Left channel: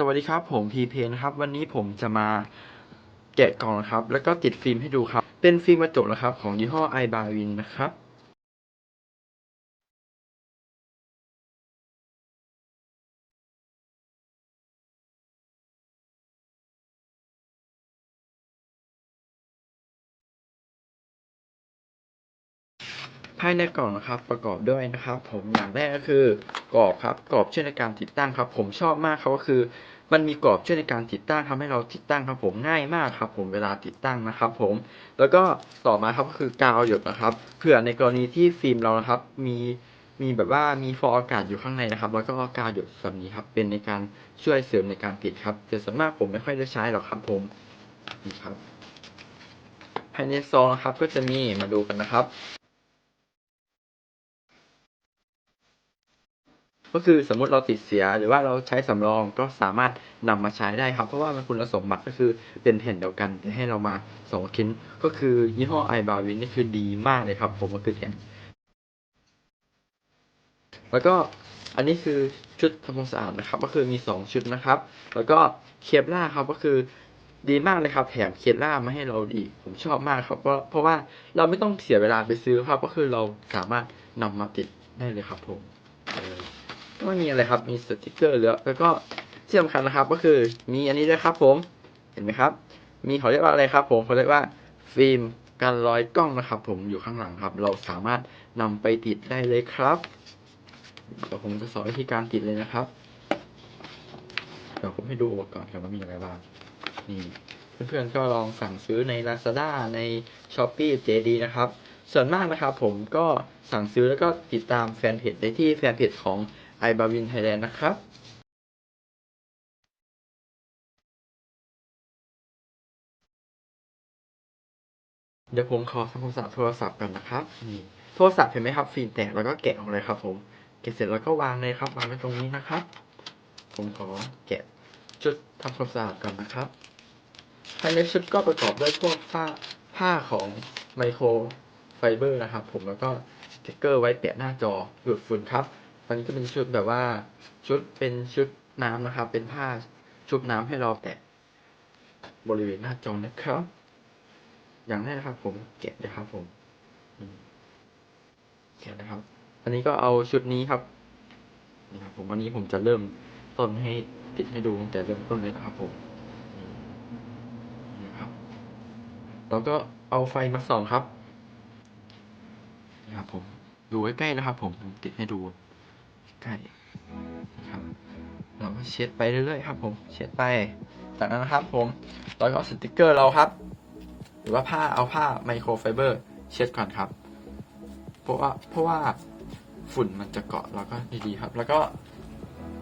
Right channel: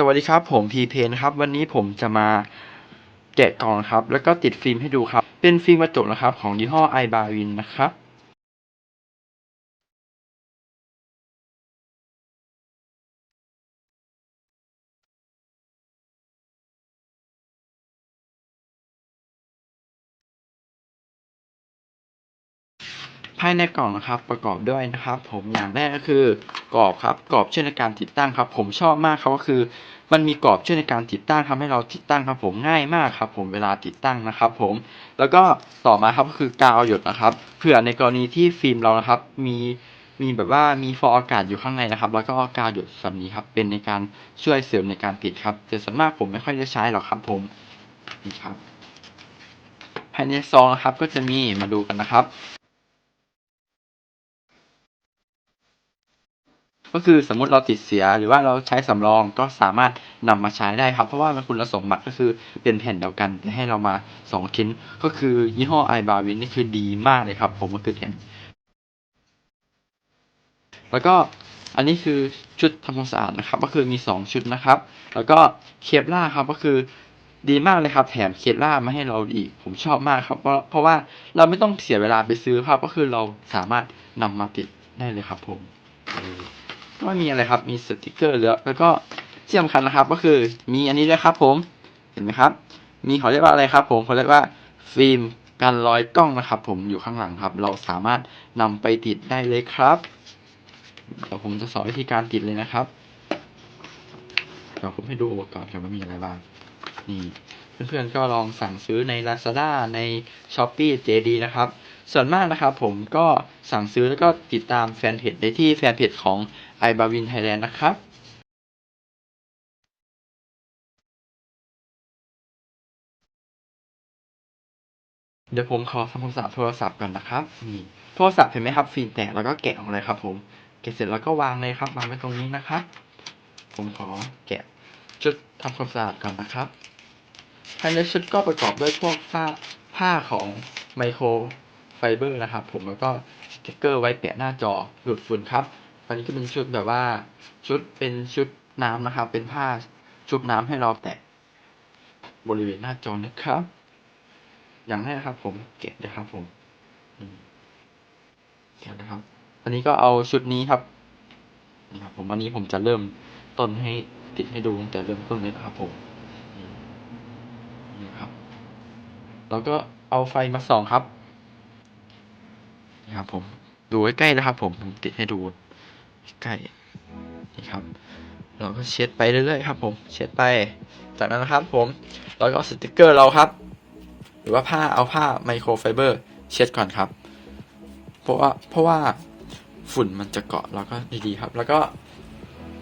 สวัสดีครับผมพีเพนะครับ วันนี้ผมจะมาแกะกล่องครับ แล้วก็ติดฟิล์มให้ดูครับ เป็นฟิล์มกระจกนะครับ ของยี่ห้อไอบาวินนะครับภายในกล่องนะครับประกอบด้วยนะครับ ผมอย่างแรกก็คือกรอบครับกรอบเช่วยในการติดตั้งครับ ผมชอบมากเขาก็คือ มันมีกรอบช่วยในการติดตั้งทำให้เราติดตั้งครับผมง่ายมากครับผมเวลาติดตั้งนะครับผมแล้วก็ต่อมาครับก็คือกาวหยดนะครับเผื่อในกรณีที่ฟิล์มเรานะครับมีมีแบบว่ามีฟองอากาศอยู่ข้างในนะครับ แล้วก็กาวหยดแบบนี้ครับ เป็นในการช่วยเสริมในการติดครับ แต่ส่วนมากผมไม่ค่อยได้ใช้หรอกครับผมนี่ครับภายในซองนะครับก็จะมีมาดูกันนะครับ ก็คือสมมุติเราติดเสียหรือว่าเราใช้สำรองก็สามารถนำมาใช้ได้ครับ เพราะว่ามันคุณสมบัติก็คือเป็นแผ่นเดียวกันแต่ให้เรามาสองชิ้น ก็คือยี่ห้อไอบาวินนี่คือดีมากเลยครับ ผมก็คือเนี่ยแล้วก็อันนี้คือชุดทำความสะอาดนะครับ ก็คือมีสองชุดนะครับ แล้วก็เคปล่าครับก็คือดีมากเลยครับ แถมเคปล่ามาให้เราอีก ผมชอบมากครับเพราะเพราะว่าเราไม่ต้องเสียเวลาไปซื้อครับ ก็คือเราสามารถนำมาติดได้เลยครับผม ก็มีอะไรครับ มีสติกเกอร์แล้วแล้วก็ที่สำคัญนะครับ ก็คือมีอันนี้ด้วยครับ ผม เห็นไหมครับ มีเขาเรียกว่าอะไรครับ ผมเขาเรียกว่าฟิล์มกันรอยกล้องนะครับ ผมอยู่ข้างหลังครับ เราสามารถนำไปติดได้เลยครับเดี๋ยวผมจะสอนวิธีการติดเลยนะครับเดี๋ยวผมให้ดูอุปกรณ์กันว่ามีอะไรบ้าง นี่ เพื่อนๆก็ลองสั่งซื้อใน Lazada ใน Shopee JD นะครับ ส่วนมากนะครับผมก็สั่งซื้อแล้วก็ติดตามแฟนเพจได้ที่แฟนเพจของ i b a w i n Thailand นะครับเดี๋ยวผมขอทำความสะอาดโทรศัพท์ก่อนนะครับนี่โทรศัพท์เห็นไหมครับฟิล์มแตกแล้วก็แกะออกเลยครับ ผมแกะเสร็จแล้วก็วางเลยครับวางไว้ตรงนี้นะครับ ผมขอแกะชุดทำความสะอาดก่อนนะครับภายในชุดก็ประกอบด้วยพวกผ้าผ้าของไมโคร ไฟเบอร์นะครับผมแล้วก็สติ๊กเกอร์ไว้แปะหน้าจอหลุดฝุ่นครับอันนี้ก็เป็นชุดแบบว่าชุดเป็นชุดน้ำนะครับ เป็นผ้าชุบน้ำให้เราแตะบริเวณหน้าจอนะครับ อย่างแรกครับ ผมแกะนะครับ ผมอืมแกะนะครับ อันนี้ก็เอาชุดนี้ครับนี่ครับ ผมอันนี้ผมจะเริ่มต้นให้ติดให้ดูตั้งแต่เริ่มต้นเลยนะครับ ผมอืมนี่ครับแล้วก็เอาไฟมาส่องครับ นี่ครับผมดูใกล้ๆนะครับ ผมผมติดให้ดูใกล้นี่ครับ เราก็เช็ดไปเรื่อยๆครับ ผมเช็ดไปจากนั้นนะครับ ผมเราก็สติกเกอร์เราครับ หรือว่าผ้าเอาผ้าไมโครไฟเบอร์เช็ดก่อนครับ เพราะว่าเพราะว่าฝุ่นมันจะเกาะแล้วก็ดีๆครับ แล้วก็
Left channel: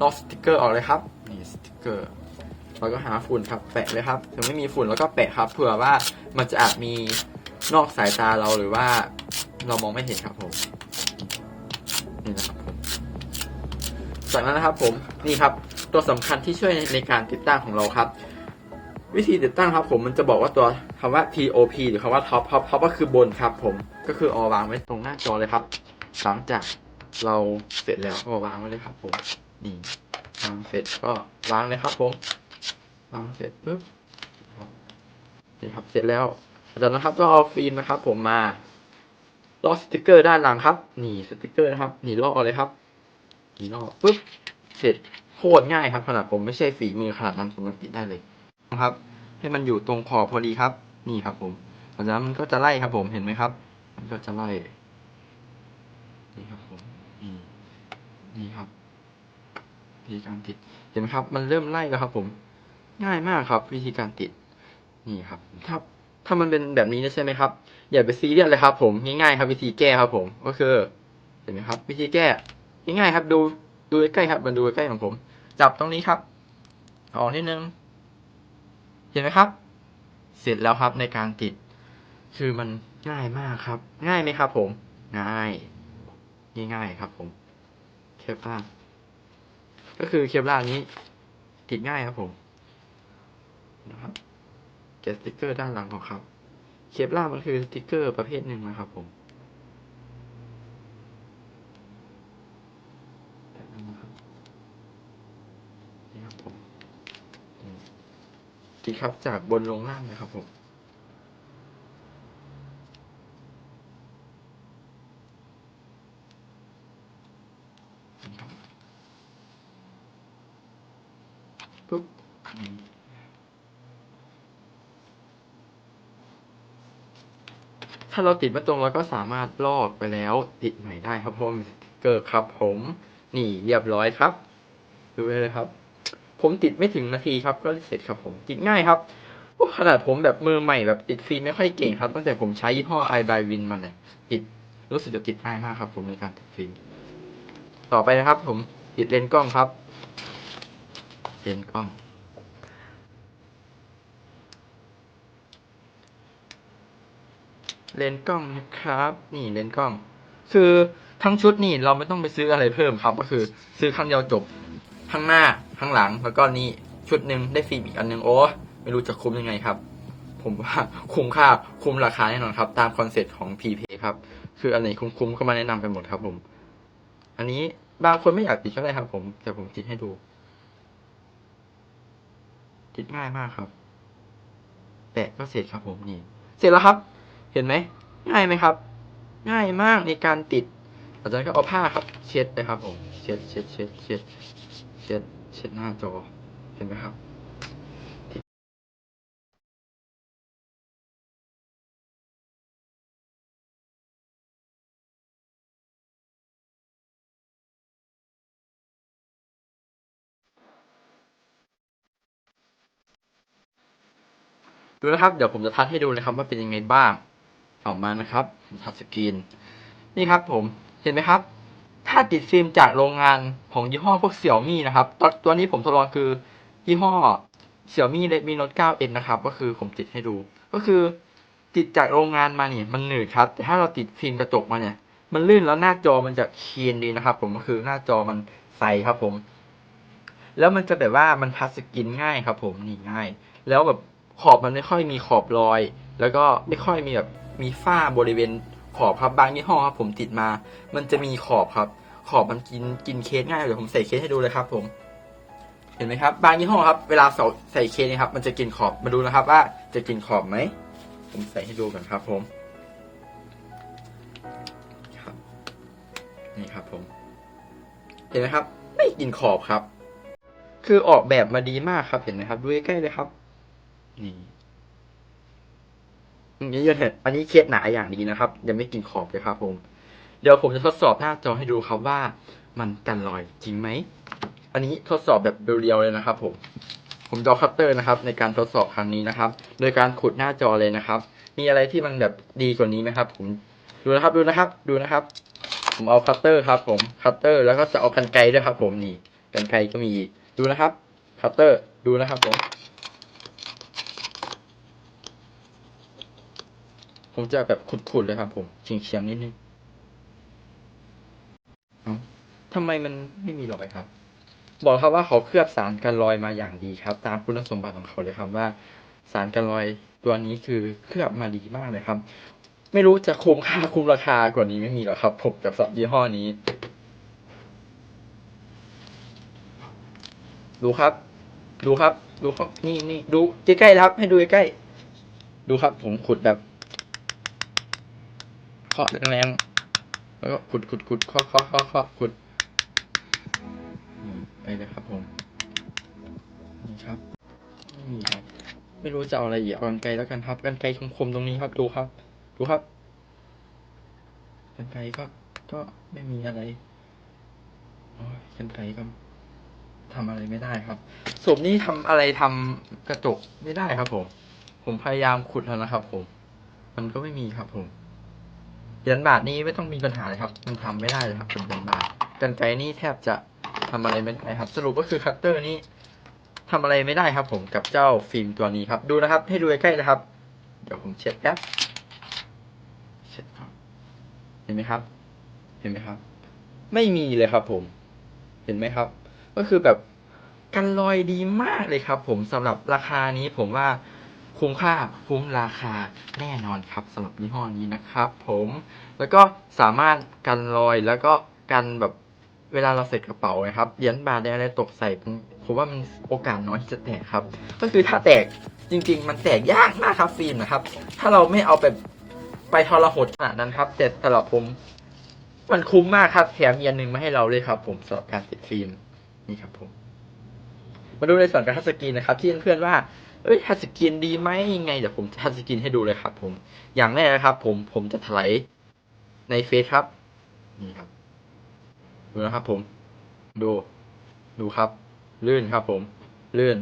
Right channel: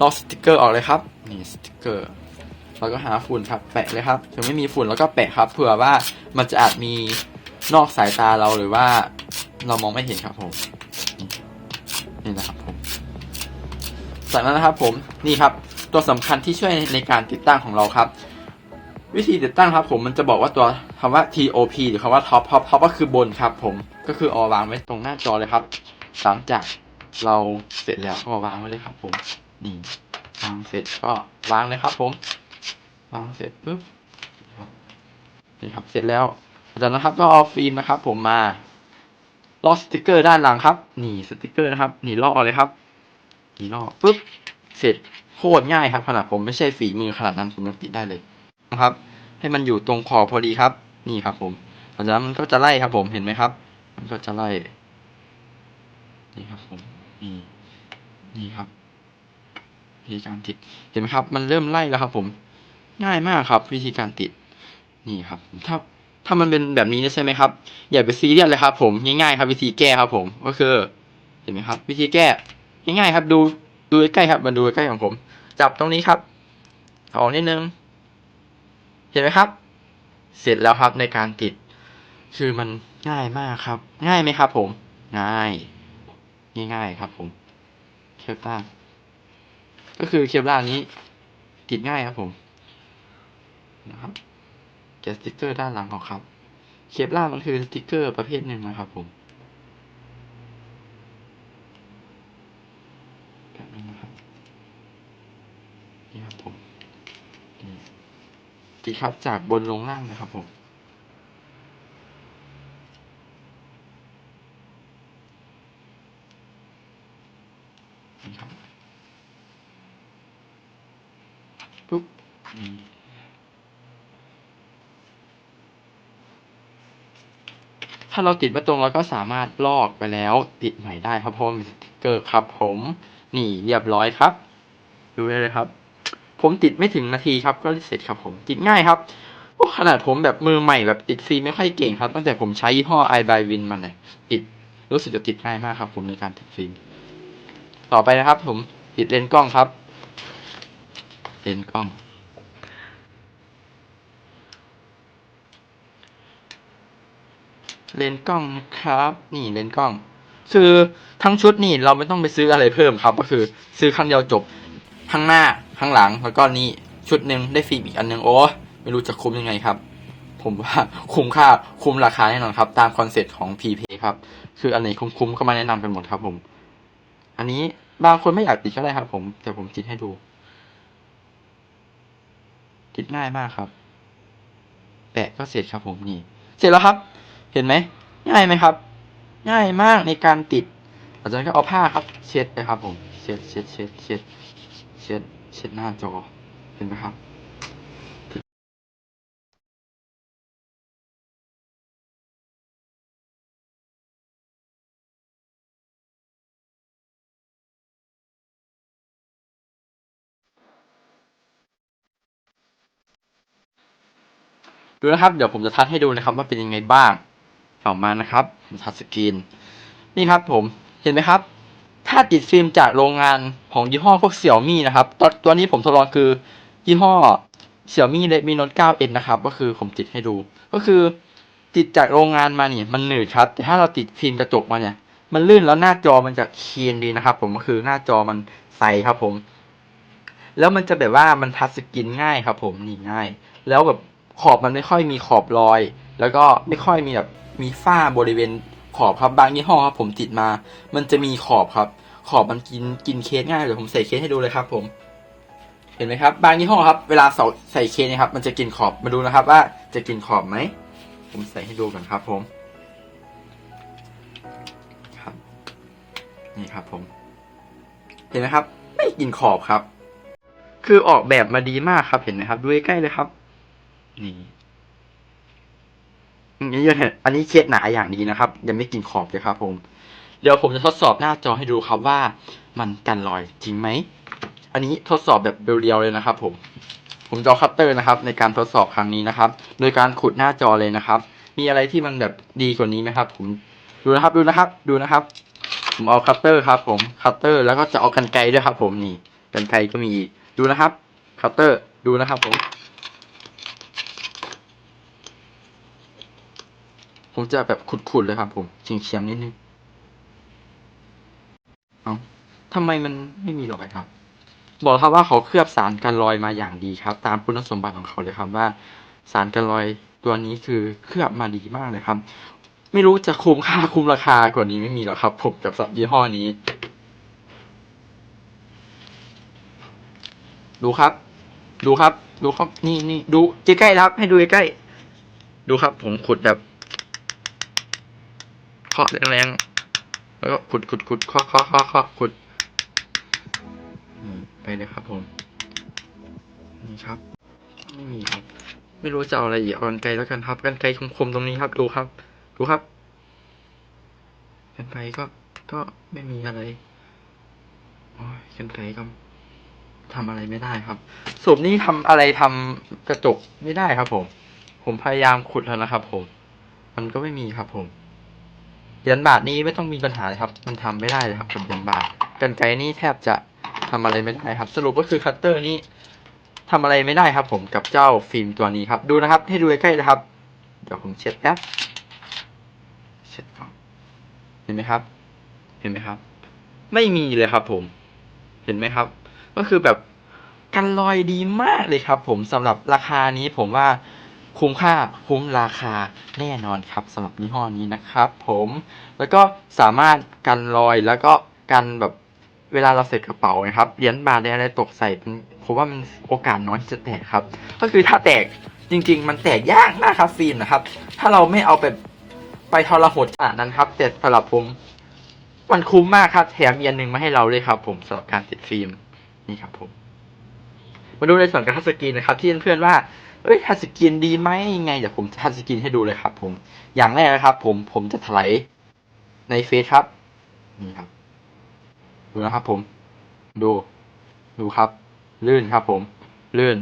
ลอกสติกเกอร์ออกเลยครับนี่สติกเกอร์เราก็หาฝุ่นครับแปะเลยครับถึงไม่มีฝุ่นแล้วก็แปะครับ เผื่อว่ามันจะอาจมีนอกสายตาเราหรือว่า เรามองไม่เห็นครับผม นี่นะครับผม จากนั้นนะครับผมนี่ครับ ตัวสำคัญที่ช่วยในการติดตั้งของเราครับ วิธีติดตั้งครับผมมันจะบอกว่าตัวคำว่า TOP หรือคำว่า Top Top Top ก็คือบนครับ ผมก็คือเอาวางไว้ตรงหน้าจอเลยครับ หลังจากเราเสร็จแล้วก็วางไว้เลยครับ ผมนี่วางเสร็จก็วางเลยครับ ผมวางเสร็จปุ๊บนี่ครับเสร็จแล้วจากนั้นครับก็เอาฟิล์มนะครับ ผมมา ลอกสติกเกอร์ด้านหลังครับนี่สติกเกอร์นะครับนี่ลอกเลยครับนี่ลอกปุ๊บเสร็จโคตรง่ายครับขนาดผมไม่ใช่ฝีมือขนาดนั้นผมยังติดได้เลยนะครับ ให้มันอยู่ตรงขอบพอดีครับ นี่ครับ ผมหลังจากนั้นมันก็จะไล่ครับ ผมเห็นไหมครับ มันก็จะไล่ นี่ครับ ผมนี่นี่ครับวิธีการติดเห็นไหมครับ มันเริ่มไล่แล้วครับ ผม ง่ายมากครับ วิธีการติด นี่ครับถ้า ถ้ามันเป็นแบบนี้ใช่ไหมครับ อย่าไปซีเรียสเลยครับ ผมง่ายๆครับ วิธีแก้ครับ ผมก็คือเห็นไหมครับ วิธีแก้ง่ายๆครับ ดูดูใกล้ครับมาดูใกล้ของผม จับตรงนี้ครับถอนนิดนึง เห็นไหมครับ เสร็จแล้วครับในการติด คือมันง่ายมากครับ ง่ายไหมครับ ผม ง่าย ง่ายๆครับ ผม เคปล่าก็คือเคปล่านี้ ติดง่ายครับผมนะครับ กะสติกเกอร์ด้านหลังของครับเคปล่ามันคือสติกเกอร์ประเภทหนึ่งนะครับผมแบบนี้นะครับนี่ครับผมติดครับจากบนลงล่างเลยครับผมนี่ครับปุ๊บ ถ้าเราติดไม่ตรงเราก็สามารถลอกไปแล้วติดใหม่ได้ครับเพราะว่ามีสติ๊กเกอร์ครับผม นี่เรียบร้อยครับ ดูได้เลยครับ ผมติดไม่ถึงนาทีครับก็เสร็จครับผมติดง่ายครับโอ้ขนาดผมแบบมือใหม่แบบติดฟิล์มไม่ค่อยเก่งครับตั้งแต่ผมใช้ยี่ห้อ i by win มาเนี่ยติดรู้สึกจะติดง่ายมากครับ ผมในการติดฟิล์มต่อไปนะครับ ผมติดเลนส์กล้องครับ เลนส์กล้อง เลนส์กล้องครับ นี่เลนส์กล้อง คือทั้งชุดนี่เราไม่ต้องไปซื้ออะไรเพิ่มครับ ก็คือซื้อครั้งเดียวจบข้งหน้าข้งหลังแล้วก็นี่ชุดหนึ่งได้ฟิล์มอีกอันหนึงโอ้ไม่รู้จะคุ้มยังไงครับ ผมว่าคุ้มค่าคุ้มราคาแน่นอนครับ ตามคอนเซ็ปต์ของ p p ครับ คืออันไหนคุ้มๆก็มาแนะนำกันหมดครับ ผม อันนี้บางคนไม่อยากติดก็ได้ครับ ผมแต่ผมติดให้ดูติดง่ายมากครับแปะก็เสร็จครับผมนี่ เสร็จแล้วครับ เห็นไหมง่ายไหมครับ ง่ายมากในการติดหลังจากนั้นก็เอาผ้าครับ เช็ดเลยครับผมเช็ดเช็ดเช็ดเช็ดเช็ดเช็ดหน้าจอเห็นไหมครับดูนะครับ เดี๋ยวผมจะทัดให้ดูนะครับว่าเป็นยังไงบ้าง ต่อมานะครับผมทัดสกรีน นี่ครับผมเห็นไหมครับ ถ้าติดฟิล์มจากโรงงานของยี่ห้อพวกเสี่ยมี่นะครับตัวตัวนี้ผมทดลองคือยี่ห้อเสี่ยมี่ Redmi Note 9 N นะครับ ก็คือผมติดให้ดู ก็คือติดจากโรงงานมาเนี่ยมันหนืดครับ แต่ถ้าเราติดฟิล์มกระจกมาเนี่ย มันลื่นแล้วหน้าจอมันจะคีนดีนะครับ ผมก็คือหน้าจอมันใสครับผม แล้วมันจะแบบว่ามันทัชสกรีนง่ายครับ ผมนี่ง่าย แล้วแบบขอบมันไม่ค่อยมีขอบรอย แล้วก็ไม่ค่อยมีแบบ มีฝ้าบริเวณขอบครับบางยี่ห้อครับผมติดมา มันจะมีขอบครับ ขอบมันกินกินเคสง่ายเดี๋ยวผมใส่เคสให้ดูเลยครับ ผม เห็นไหมครับ บางยี่ห้อครับ เวลาใส่ใส่เคสเนะครับ มันจะกินขอบมาดูนะครับ ว่าจะกินขอบไหมผมใส่ให้ดูก่อนครับ ผมครับนี่ครับ ผม เห็นไหมครับ ไม่กินขอบครับ คือออกแบบมาดีมากครับเห็นไหมครับ ดูใกล้ๆเลยครับ นี่ นนี้ยังเห็นอันนี้เคสหนาอย่างดีนะครับ ยังไม่กินขอบเลยครับ ผม เดี๋ยวผมจะทดสอบหน้าจอให้ดูครับว่า มันกันรอยจริงไหม อันนี้ทดสอบแบบเรียวๆเลยนะครับ ผม ผมจะเอคัตเตอร์นะครับ ในการทดสอบครั้งนี้นะครับ โดยการขุดหน้าจอเลยนะครับ มีอะไรที่มันแบบดีกว่านี้ไหมครับ ผมดูนะครับดูนะครับ ดูนะครับ ผมเอาคัตเตอร์ครับ ผมคัตเตอร์แล้วก็จะเอากันไกลด้วยครับ ผมนี่กันไกลก็มีดูนะครับคัตเตอร์ดูนะครับ ผม ผมจะแบบขุดๆเลยครับ ผมเฉียงๆนิดนึงเอาทำไมมันไม่มีหรอยครับ บอกครับว่าเขาเคลือบสารกันรอยมาอย่างดีครับ ตามคุณสมบัติของเขาเลยครับว่า สารกันรอยตัวนี้คือเคลือบมาดีมากเลยครับ ไม่รู้จะคุ้มค่าคุ้มราคากว่านี้ไม่มีหรอกครับ ผมกับสับยี่ห้อนี้ ดูครับ ดูครับ ดูครับ นี่นี่ดูใกล้ๆครับ ให้ดูใกล้ๆดูครับ ผมขุดแบบ เคาะแรงๆแล้วก็ขุดขุดขุดเคาะเคาะเคาะเคาะขุดไปเลยครับผมนี่ครับไม่มีครับ ไม่รู้จะเอาอะไรอีกเอากันไกลแล้วกันครับกันไกลคมๆตรงนี้ครับ ดูครับ ดูครับกันไกลก็ก็ไม่มีอะไรโอ้ยกันไกลก็ทำอะไรไม่ได้ครับศพนี้ทำอะไรทำกระจกไม่ได้ครับผม ผมพยายามขุดแล้วนะครับผม มันก็ไม่มีครับผม เหรียญบาทนี้ไม่ต้องมีปัญหาเลยครับ มันทำไม่ได้เลยครับผมเหรียญบาทกันไกนี่แทบจะทำอะไรไม่ได้ครับ สรุปก็คือคัตเตอร์นี้ทำอะไรไม่ได้ครับ ผมกับเจ้าฟิล์มตัวนี้ครับ ดูนะครับ ให้ดูใกล้ๆนะครับ เดี๋ยวผมเช็ดแป๊บเช็ดก่อนเห็นไหมครับ เห็นไหมครับ ไม่มีเลยครับ ผม เห็นไหมครับ ก็คือแบบกันรอยดีมากเลยครับ ผมสำหรับราคานี้ผมว่า คุ้มค่าคุ้มราคาแน่นอนครับสำหรับยี่ห้อนี้นะครับผมแล้วก็สามารถกันรอยแล้วก็กันแบบเวลาเราเสร็จกระเป๋านะครับเหรียญบาทอะไรตกใส่ผมว่ามันโอกาสน้อยจะแตกครับ ก็คือถ้าแตกจริง ๆ มันแตกยากมากครับฟิล์มนะครับ ถ้าเราไม่เอาไปไปทรหดขนาดนั้นครับแต่สำหรับผมมันคุ้มมากครับแถมอีกอันหนึ่งมาให้เราเลยครับ ผมสำหรับการติดฟิล์มนี่ครับผม มาดูในส่วนการทัชสกรีนนะครับ ที่เพื่อนๆว่า เอ้ยทัชสกรีนดีไหมยังไงเดี๋ยวผมทัชสกรีนให้ดูเลยครับ ผม อย่างแรกนะครับ ผมผมจะถลายในเฟซครับนี่ครับ ดูนะครับ ผม ดูดูครับ ลื่นครับ ผม ลื่น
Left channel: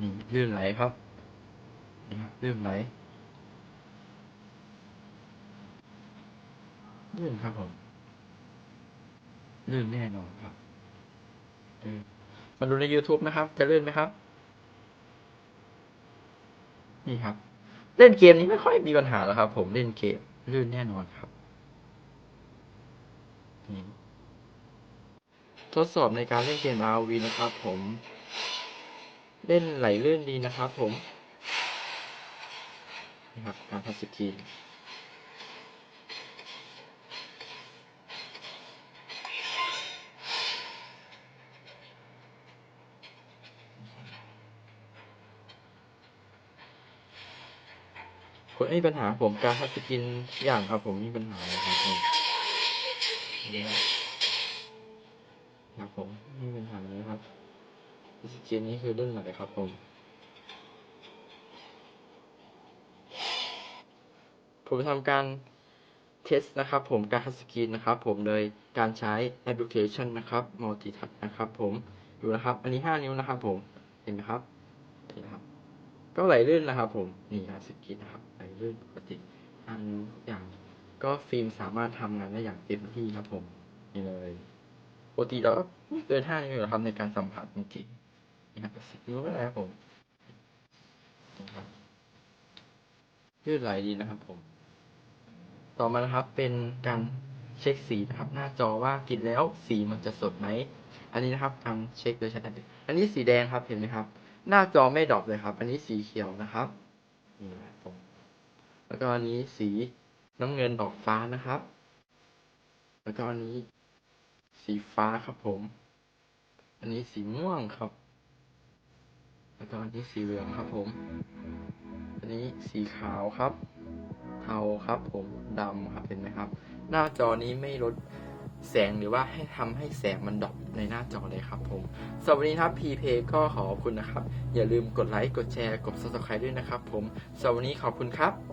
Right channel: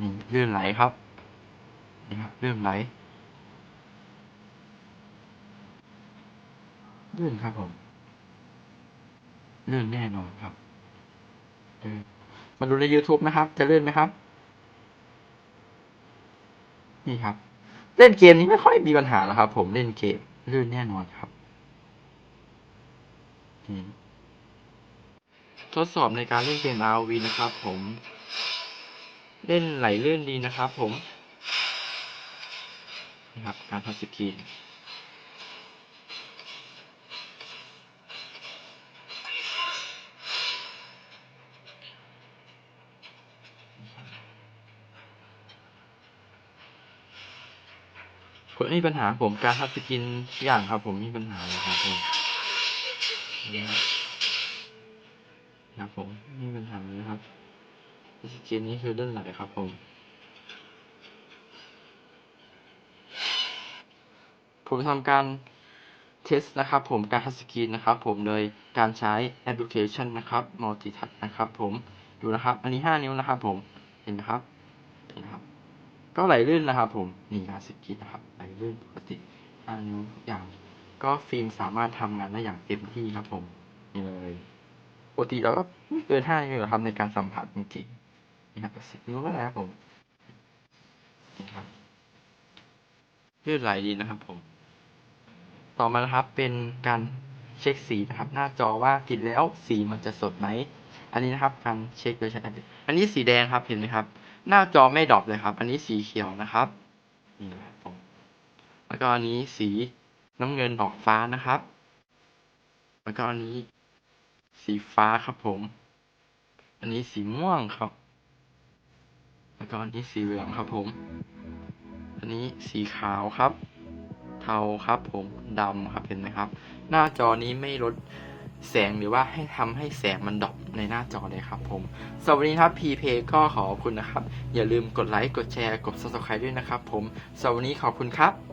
นี่ลื่นไหลครับนี่ครับลื่นไหลลื่นครับผมลื่นแน่นอนครับมาดูใน YouTube ไหมครับ จะลื่นไหมครับ นี่ครับ เล่นเกมนี้ไม่ค่อยมีปัญหาแล้วครับ ผมเล่นเกมลื่นแน่นอนครับทดสอบในการเล่นเกม RV นะครับ ผม เล่นไหลเลื่อนดีนะครับ ผมนี่ครับการทัชสกรีน ผมมีปัญหาผมการทัชสกรีนอย่างครับผมมีปัญหาเลยครับผมนี่ครับครับผมมีปัญหาเลยครับทัสกรีนนี้คือเรื่องไหนครับผม ผมทำการเทสนะครับ ผมการทัสกีนนะครับ ผมโดยการใช้แอปพลิเคชันนะครับ Multi Touch นะครับ ผมดูนะครับ อันนี้ 5 นิ้วนะครับ ผมเห็นไหมครับเห็นครับ ก็ไหลลื่นนะครับ ผมนี่การสกีนนะครับ ไหลลื่นปกติห้านิ้วทุกอย่างก็ฟิล์มสามารถทำงานได้อย่างเต็มที่ครับผมนี่เลยปกติเราก็ไม่เกินห้านิ้วหรอกครับในการสัมผัสจริงๆนี่ครับสิบนิ้วก็ได้ครับผมนี่ครับลื่นไหลดีนะครับผม ต่อมานะครับเป็นการเช็คสีนะครับหน้าจอว่าติดแล้วสีมันจะสดไหมอันนี้นะครับการเช็คโดยใช้แอปอันนี้สีแดงครับเห็นไหมครับ หน้าจอไม่ดรอปเลยครับ อันนี้สีเขียวนะครับนี่นะครับผม แล้วก็อันนี้สีน้ำเงินดอกฟ้านะครับ แล้วก็อันนี้ สีฟ้าครับผม อันนี้สีม่วงครับ แล้วก็อันนี้สีเหลืองครับผม อันนี้สีขาวครับ เทาครับผมดำครับเห็นไหมครับ หน้าจอนี้ไม่ลดแสงหรือว่าให้ทำให้แสงมันดรอปในหน้าจอเลยครับผมสวันนี้ครับพีเพก็ขอขอบคุณนะครับ อย่าลืมกดไลค์ กดแชร์ กด subscribe ด้วยนะครับผมสวันนี้ขอบคุณครับ